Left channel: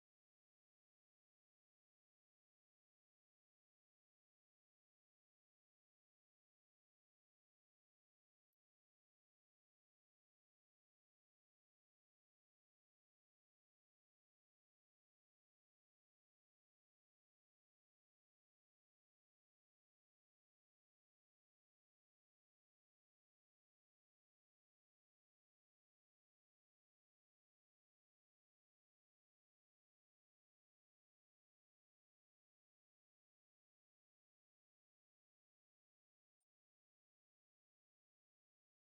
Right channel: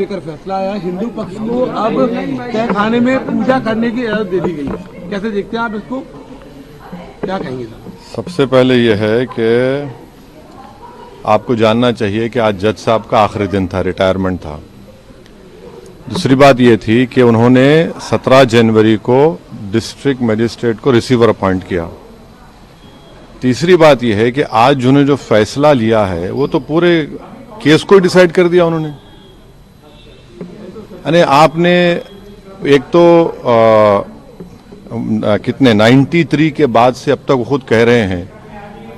लेकर फैसला आया, हिंदू पक्ष को अब तहखाने में पूजा करने की इजाजत दे दी गई है, कैसे देखते हैं आप इसको, क्या कहेंगे सर? सबसे पहले यह है कि आपको जानना चाहिए कि आज जज साहब का आखिरी दिन था, रिटायरमेंट था। दूसरी बात यह थी कि उन्होंने 17 जनवरी को डिस्ट्रिक्ट मजिस्ट्रेट को रिसीवर अपॉइंट किया। तीसरी बात यह है कि आज जिन्होंने जो फैसला लिया है वो तो पूरे केस को डिसाइड कर दिया उन्होंने। यानी आपने एक तो कितने 93 के बाद से अब तक वो खुद कह रहे हैं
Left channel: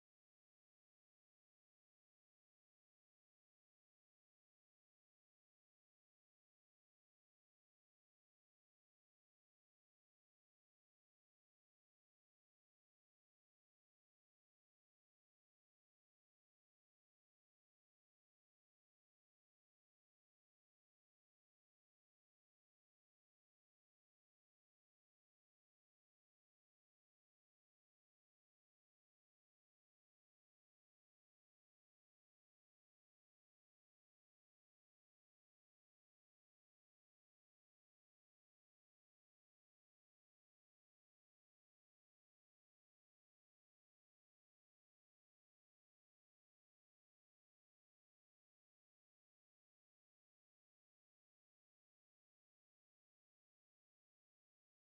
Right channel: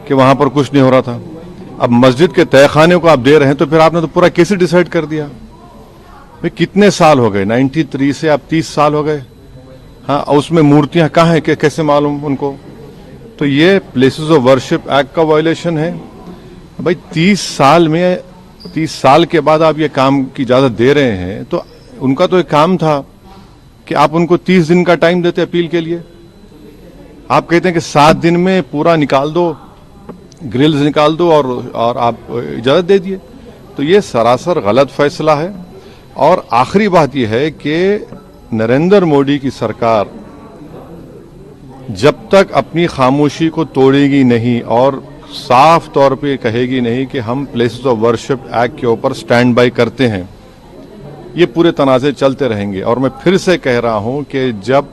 कि वहां पर कुछ नहीं हो रहा था। अब मस्जिद के तहखाने को आप दे रहे हैं तो फिर आपने तो पूरा केस ही डिसाइड कर दिया। भाई कितने साल हो गए, 93 से आप 30 साल हो गए। हाँ, उसमें मूर्तियां कहाँ हैं, कैसे मालूम उनको? तो ये प्लेसेस ऑफ वर्शिप एक्ट का वायलेशन है। भाई 30 साल के बाद आप ये काम की इजाजत दे रहे हैं, तो उनका तो एक काम था कि आप उनको 30 दिन का टाइम देते अपील के लिए। आप कहते हैं कि 7 दिन में पूरा निकाल दो, ग्रिल्स निकाल दो और आप इजाजत दे दिए। तो ये सरासर गलत फैसला है। और आखिरी बात यह है कि नरेंद्र मोदी की सरकार जब तक अपनी खामोशी को तोड़ेगी नहीं और साफ तौर पे कहेगी नहीं कि हम प्लेसेस ऑफ वर्शिप एक्ट के ऊपर स्टैंड बाय करते हैं, ये पूरे तनाज़े चलते रहेंगे। और मैं फिर से कह रहा हूं कि जब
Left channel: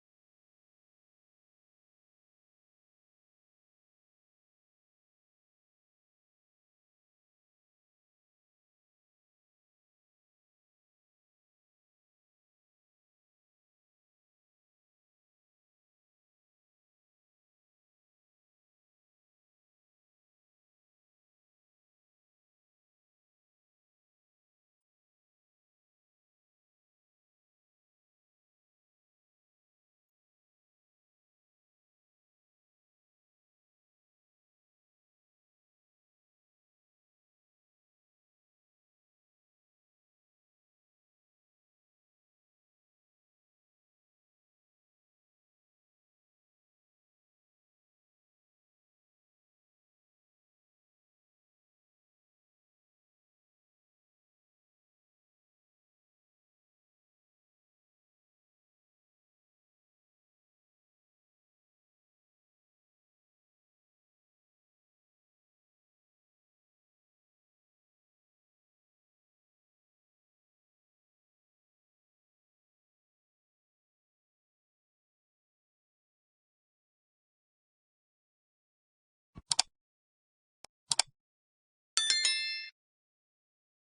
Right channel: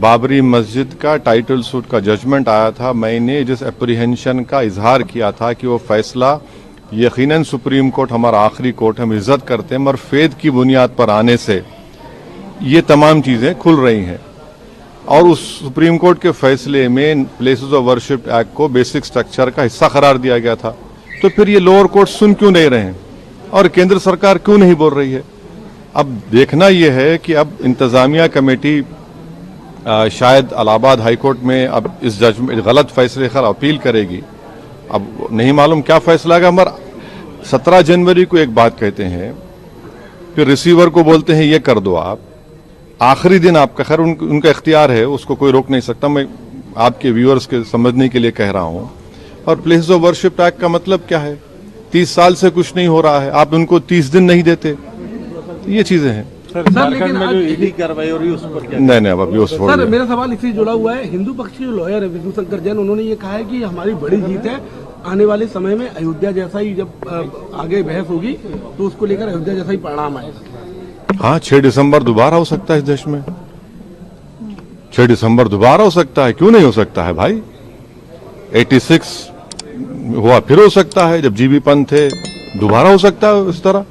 बाबरी मस्जिद का टाइटल सूट का जजमेंट आया था, मैंने जिस एप्रीहेंशन का इजहार किया था कि वो फैसला यकीनन सुप्रीम कोर्ट हमारा आखिरी कोर्ट, हम इज्जत करते हैं, मगर फेद की बुनियाद पर आने से ये तमाम चीजें खुल रही हैं। और उस सुप्रीम कोर्ट के फैसले में प्लेसेस ऑफ वर्शिप एक्ट को बेसिक स्ट्रक्चर का हिस्सा करार दिया गया था। तो फिर ये लोअर कोर्ट सुन क्यों नहीं रहे हैं और केंद्र सरकार क्यों नहीं बोल रही है? अब देखना यह है कि अब इंतजामिया कमेटी शायद इलाहाबाद हाईकोर्ट में अब इस जजमेंट गलत फैसले पर अपील करेगी। अब नहीं मालूम क्या फैसला आएगा। मगर 17 जनवरी को एक बात कहते हैं, फिर रिसीवर को बोलते हैं ये कर दो आप, आखिरी दिन आपका, खैर उनका इख्तियार है, उसको कोई रोक नहीं सकता। मैं आपके व्यूअर्स के समझने के लिए कह रहा हूं। और प्लेसेस ऑफ वर्शिप एक्ट का मतलब क्या है? 30 साल से कुछ नहीं हो रहा है, आप उनको 30 दिन नहीं देते, ये चीजें हैं। लेकिन में जो ईडी कार्रवाई हो रही है उस पर क्या? नहीं अभी उस सर मेरा सवाल इससे जुड़ा हुआ है, हिंदू पक्ष के लॉयर है विष्णु शंकर जैन, उन्होंने ये कहा है कि हमारी बड़ी जीत है, आने वाले समय में अयोध्या जैसा ही जब आगे बहस होगी तो उसको लेकर अयोध्या जैसा ही परिणाम आएगा। हाँ, 6 दिसंबर दोबारा हो सकता है इस देश में। 6 दिसंबर दोबारा हो सकता है, क्यों नहीं हो सकता है भाई? 86 हुआ, फिर हो सकता है, जब जीबी पंत थे, दोबारा हो सकता है इस तरह।